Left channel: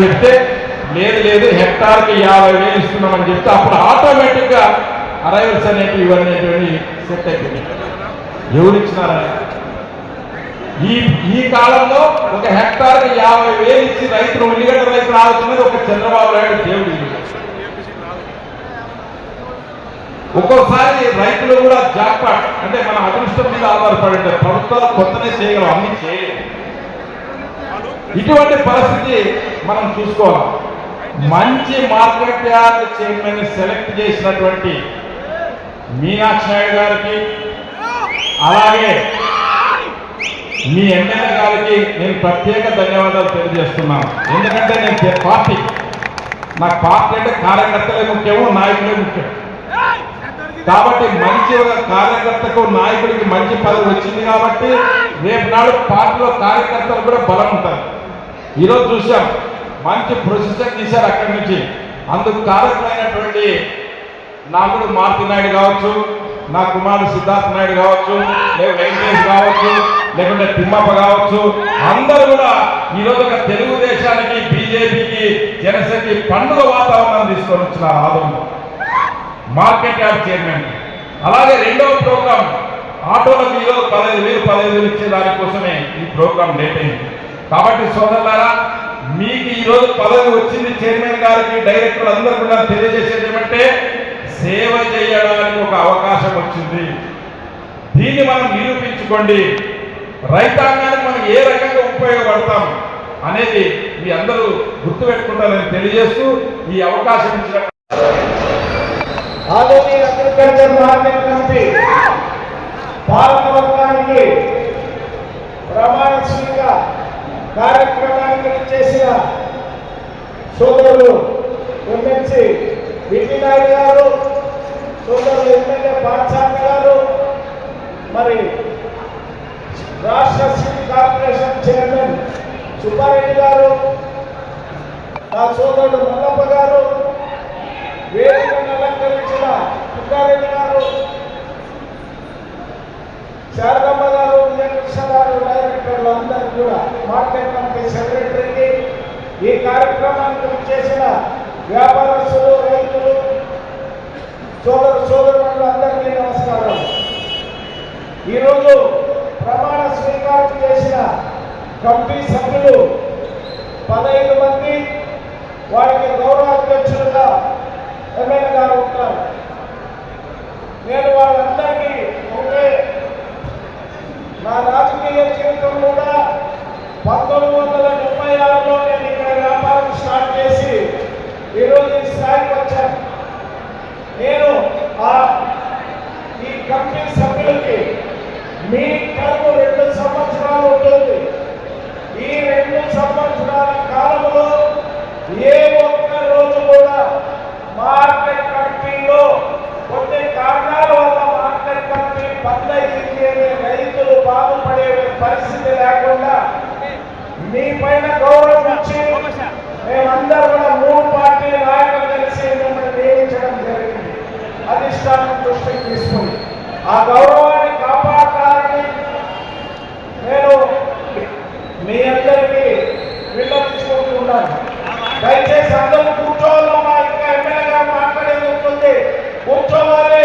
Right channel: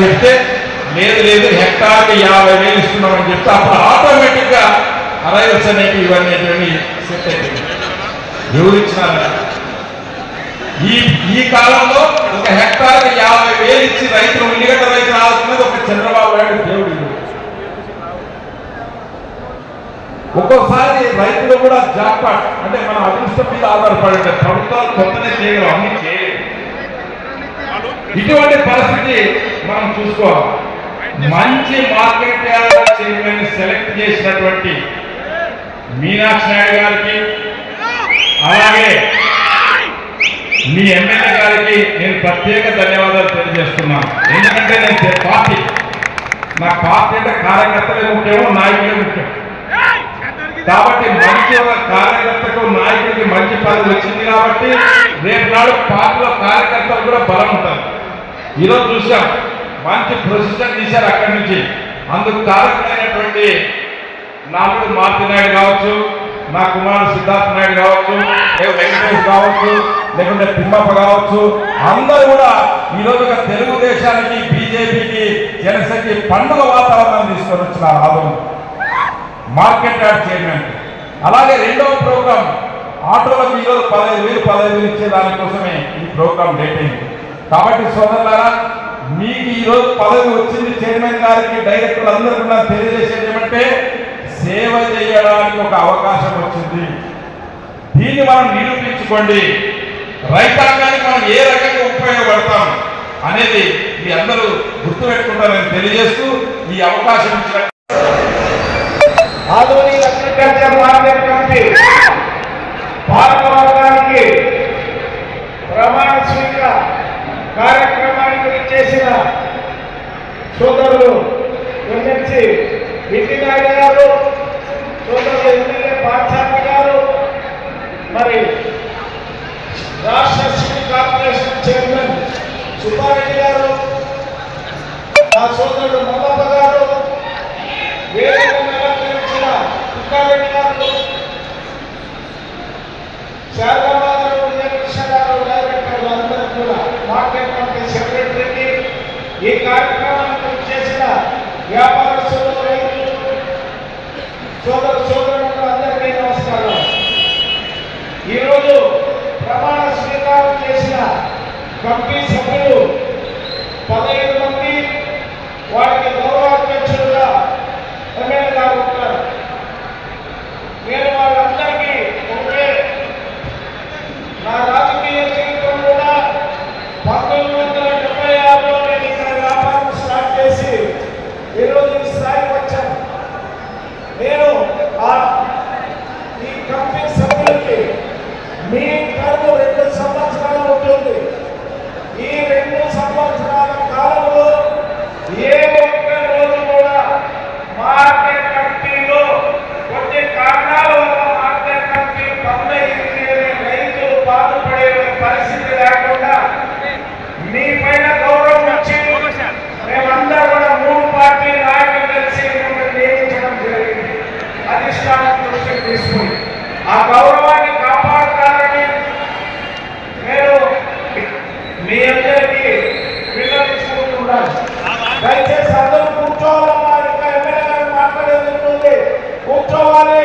చెప్తే లేదు లేదు హెక్టార్కి యాభై వేలు ఇస్తున్నామని చెప్తే అప్పుడు ఆటోమేటిక్గా అరైవల్స్ అనేవి ఇవన్నీ సెట్ అయిపోయింది ఎవరు ఇచ్చినారా ఈ ఈ కాలంలో ఒక హెక్టార్కి యాభై వేలు ఇచ్చి రైతులు ఉల్లిగడ్డ రైతులు ఆడుతున్నది ఒక చంద్రబాబు నాయుడు దేవుడు ఒక్కోసారి రైతులు కూడా జాక్పాట్ అంటే మన అదృష్టం మీద ఆధారపడి ప్రభుత్వాలు కొత్తనే చేయగలం అన్ని చేయలేదు. ఇటువంటి పరిస్థితి మనం చూసుకోవాలి. మంచి మార్కెట్ చైర్మన్ సెలెక్ట్ చేసినటువంటి మీనాక్షి నాయుడు గారికి అలాగే మీ ఎమ్మెల్యే గారికి నేను ప్రత్యేక ధన్యవాదాలు తెలియజేస్తున్నాను. ఎందుకంటే నేను పార్టీ. నాకు పార్టీ అంటే కార్యకర్తలే ముఖ్యమో నాయకులే ముఖ్యం. కాబట్టి మంచి ఒక కార్యకర్తకు నాయకుడికి మంచి పదవి వచ్చింది కాబట్టి రేపు నాడు పార్టీలో కార్యకర్తలు కూడా బలం ఉంటారు. ఈరోజు చూసాం. మంచి ప్రొసెషన్ తీశారు అక్కడి నుంచి. అందుకు కారకులైనటువంటి నాలుగు మారుతి నాయుడు కావచ్చు నా కుమారుడు సిద్ధార్థ నాయుడు కావచ్చు లేదా వెంకటేష్ కావచ్చు లేకుంటే తిమ్మప్ప కావచ్చు అందరూ కూడా ఈరోజు ఒక తెలుగుదేశానికి బీజేపీకి జనసేనకి పండుగ వాతావరణం తీసుకొని వచ్చిన ఆదరణ. Market yard chairman. అలాగే రెండవ ప్రోగ్రాం. ఆటోలకు ఈరోజు పదహైదు వేలు పదహైదు వేలు ఇచ్చే దానికోసమే ఈ ప్రోగ్రాం లేట్ అయింది. కాబట్టి సోదరులారా మీకు ఈరోజు పదవి వచ్చింది చైర్మన్ గారికి డైరెక్టర్ అందరికీ కూడా తెలియజేసేది ఏమంటే సేవ చేయడానికి ఒక అవకాశం వచ్చింది. దీన్ని మనం నిరూపించుకోండి. రైతాంగానికి మనం ఏ రకంగా ఉపయోగపడతాం అనేది మీ అందరూ గుర్తుపెట్టుకుంటారని తెలియజేస్తూ ఈ అవకాశం ఇచ్చిన ఆధునిక అగ్రికల్చర్ మార్కెట్ కమిటీ ప్రమాణ కార్యక్రమానికి చేసిన సోదరులు ఎమ్మెల్సీ బిట్టి నాయుడు గారు సోదరులు ఎమ్మెల్యే పాఠశాల గారు మరి రాష్ట్ర సిటీ కార్పొరేషన్ చైర్మన్ సుబ్బారెడ్డి గారు నా సోదరుడు మల్లప్ప గారు వేదికను అలంకరించిన తుక్కారెడ్డి గారు శారదమ్మ గారు విజయకృష్ణ గారు డైరెక్టర్లు అందరూ కూడా మార్కెట్ కమిటీ సెక్రటరీకి ఈ కార్యక్రమానికి చేసిన వ్యాపార రైతులు సోదర సోదరులు అందరికీ నమస్కారం ఈరోజు ప్రమాణ స్వీకారం చేసిన కమిటీ సభ్యులు పదహైదు మంది వారికి గౌరవాధ్యక్షులుగా ఎమ్మెల్యే గారు ఉంటారు నేను వాళ్ళందరికీ ఒకటే నా రాజకీయ జీవితం కూడా పంతొమ్మిది వందల డెబ్బై ఆరులో నేను ఇక్కడ వ్యాపారం స్టార్ట్ చేసి ఈరోజు ఈ స్థాయికి వచ్చాను నేను ఆ ఈ కంపెనీ సభ్యులకి మీ టర్మ్ రెండు సంవత్సరాలు ఉంటుంది ఈ రెండు సంవత్సరాల కాలంలో ఏ ఒక్క రోజు కూడా మార్కెట్ కమిటీలో కొన్ని కారణాల వల్ల మార్కెట్ కమిటీ బంద్ అయింది అని రైతులు బాధపడే పరిస్థితి లేకుండా మీ పైన గౌరవం ఇచ్చి మేమందరం కూడా మూడు పార్టీ నాయకులు కలిసి మిమ్మల్ని నియమించడం జరిగింది అధిష్టానం దృష్టికి తీసుకుని ఆ గౌరవాన్ని కాపాడతారని నేను మీ అందరికీ విన్నపించుకుంటున్నాను దయచేసి అందరూ కూర్చోవాలమ్మా ఇంకా ఎమ్మెల్యే గారు మాట్లాడేది ఉంటుంది. కూర్చోవాలి.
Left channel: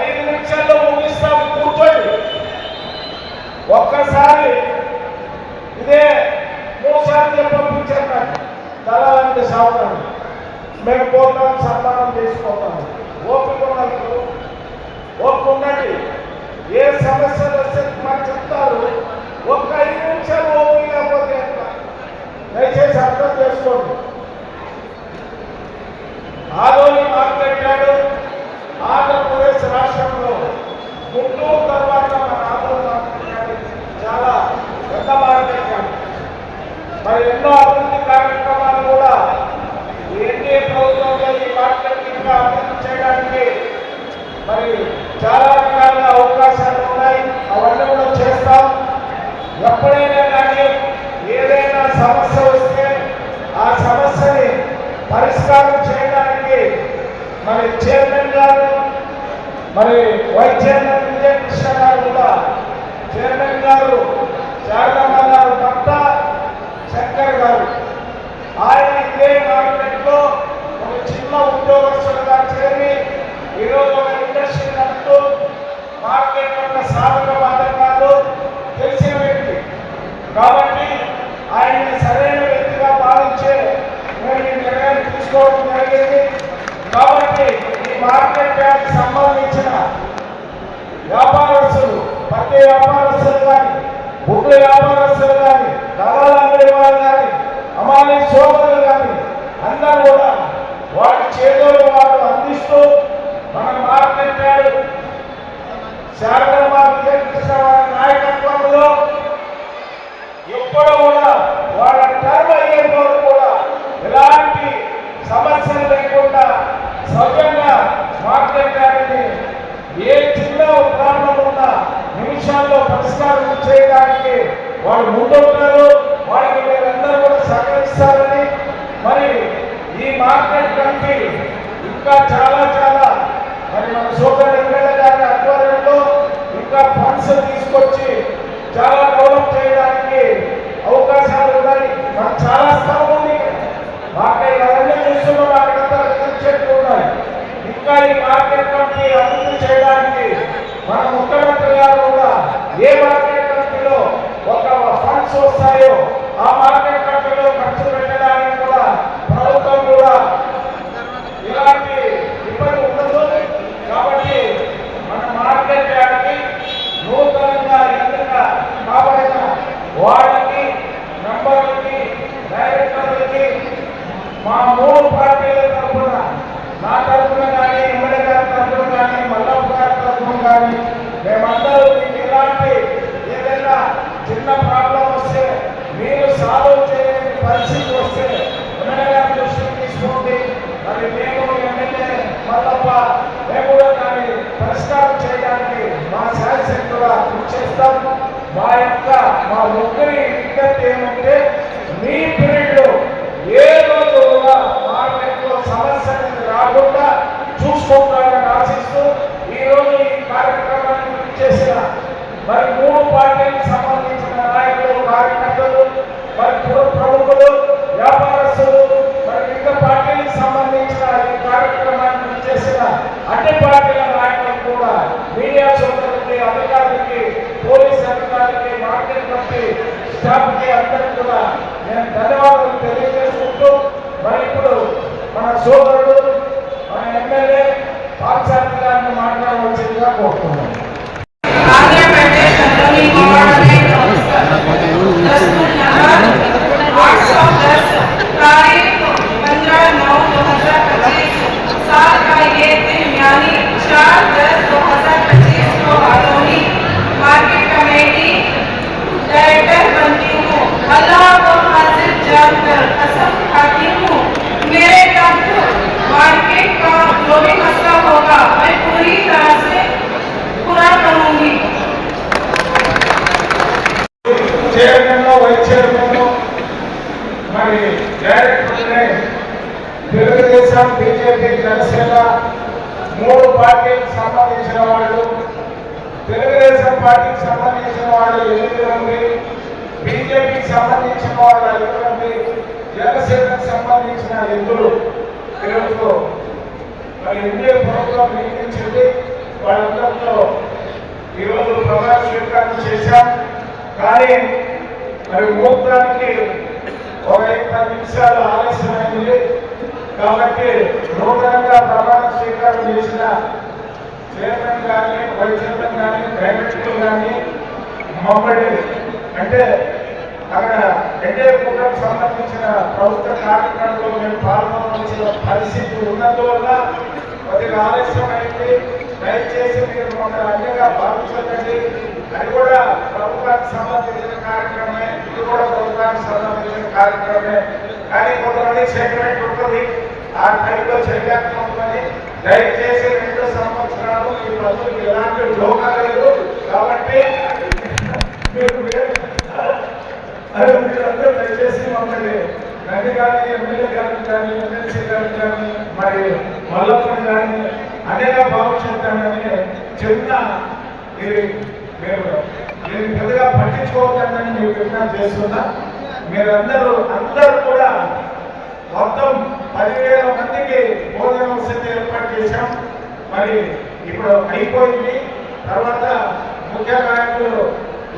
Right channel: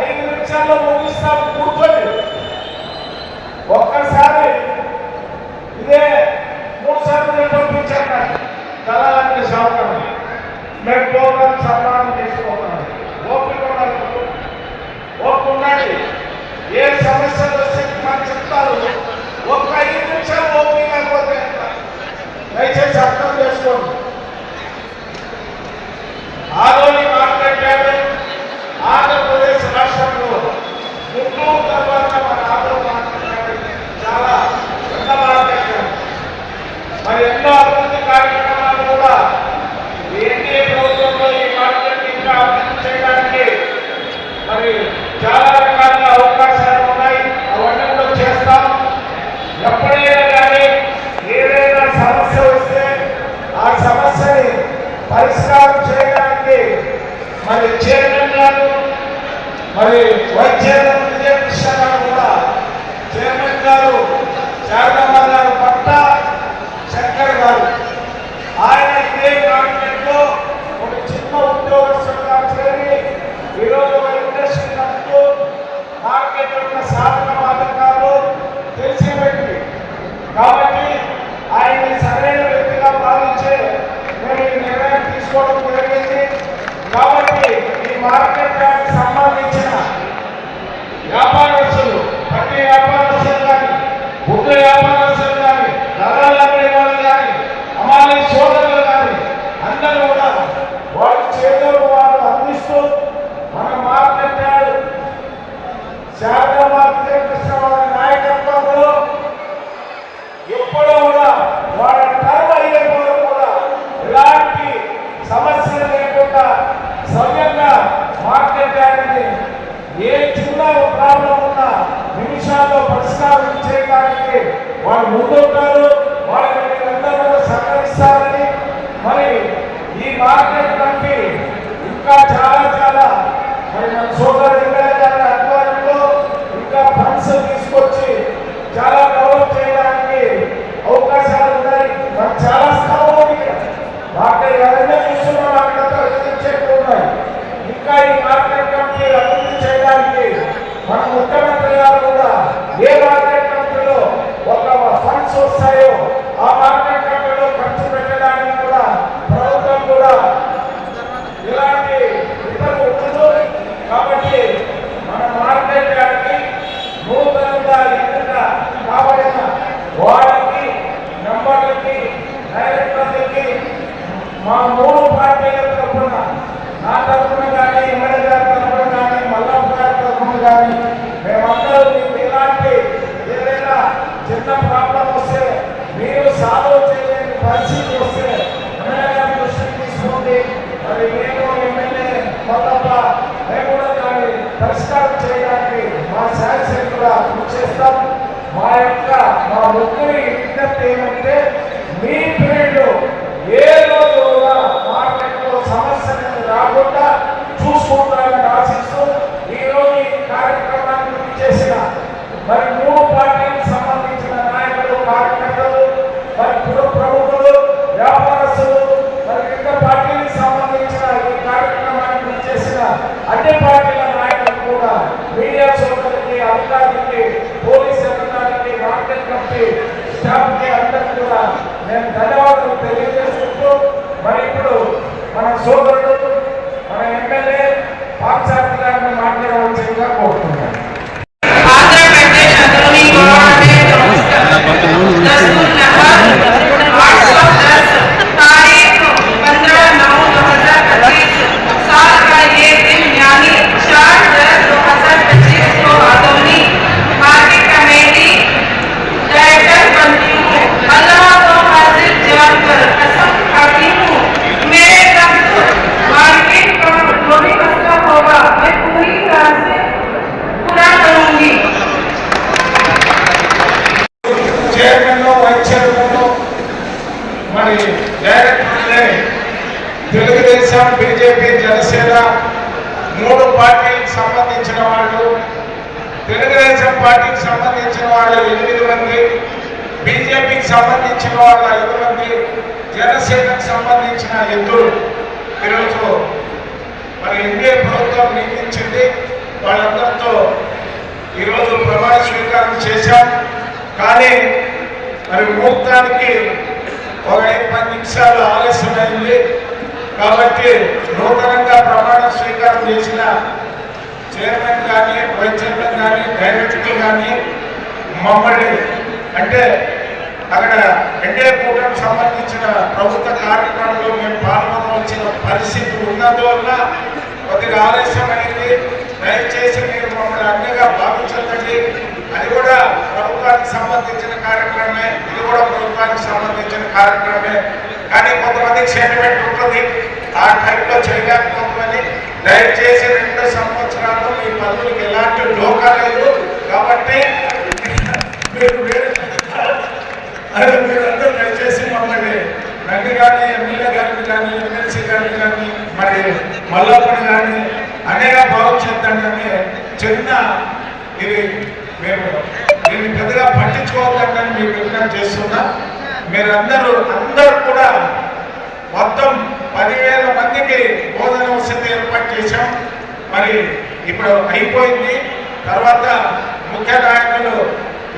ఐదు నిమిషాల్లో ముగిస్తాము కూర్చోండి. ఒక్కసారి ఇదే మూడు సార్లు పంపించారు నాకు తలాంటి సౌకర్యం మేము పోతాం సన్మానం తీసుకోతాం ఓపిక ఉన్నది ఓపిక ఉండండి ఏ సమస్యలు వస్తే మాకు చెప్తారు. ఒక్క ఐదు నిమిషాలు ఓపిక లేకపోతే దయచేసి అర్థం చేసుకోండి. పురస్కారం చేయడానికి వారు ముందుంటారు. తెలుగుదేశం బీజేపీ జనసేన మూడు పార్టీలకు సంబంధించిన వాళ్ళు తెలుగుదేశం పార్టీకి సంబంధించిన వాళ్ళు ఎనిమిది మంది బీజేపీకి సంబంధించిన వాళ్ళు ఐదు మంది జనసేనకు సంబంధించిన ఇద్దరు. ఈరోజు మరి ఎన్డీఏ ప్రభుత్వం నియమించింది వాళ్ళందరితో ఈరోజు ప్రమాణ స్వీకారం చేశాం. కానీ మరి ముహూర్తానికి ఒక పది నిమిషాలు ఆలస్యమైంది. కాబట్టి నూతనంగా ప్రమాణ స్వీకారం చేసిన చైర్మన్ కానీ వైస్ చైర్మన్ కానీ డైరెక్టర్ కానీ మమ్మల్ని అంటే అక్కడ ఎన్డీఏ కూటమికి సంబంధించిన ప్రభుత్వ కార్యక్రమంలో మేము పాల్గొనవలసిన పరిస్థితి ఉన్నందువల్ల కొద్దిగా ఆలస్యం అయింది. దయచేసి మీరు మమ్మల్ని అన్నిగా భావించండి అది కూడా ప్రభుత్వానికి సంబంధించిన కార్యక్రమమే. ఇది కూడా ప్రభుత్వానికి సంబంధించిన కార్యక్రమమే. కానీ కొంతమంది సెంటిమెంట్ ఉంటుంది. ఆ టైంలో చేయలేకపోతుందని దయచేసి రెండు సంవత్సరాలు మీ పనులకు ఎలాంటి లోకా లేదు. కాబట్టి మీరు వేరే అదే మీరందరూ దయచేసి మమ్మల్ని నన్ను కానీ ఎమ్మెల్యే గారిని కానీ ఎమ్మెల్సీ గారిని కానీ మరి మల్లప్పని కానీ అనేక భావించద్దండి అని చిన్న ఇది మేము దీన్ని పెద్దగా పట్టించుకోవద్దని మీకు విజ్ఞప్తి చేస్తున్నా. మీరందరూ అందరూ కూడా మొత్తం పదివేల మందికి బోధన వసతి ఏర్పాటు చేశాం. మరి ఇప్పుడు అయిపోయింది. తర్వాత ముఖ్య నాయకులు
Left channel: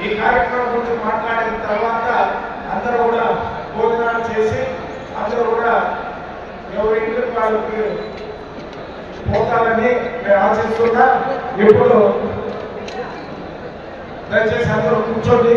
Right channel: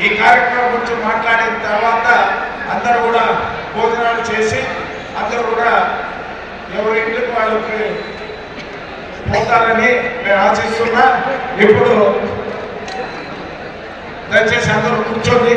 ఈ కార్యక్రమం గురించి మాట్లాడిన తర్వాత అందరూ కూడా భోజనాలు చేసి అందరూ కూడా ఎవరి ఇంటికి వాళ్ళకి పోతారని నేను ఆశిస్తున్నా. ఇప్పుడు దయచేసి అందరూ కూర్చోండి.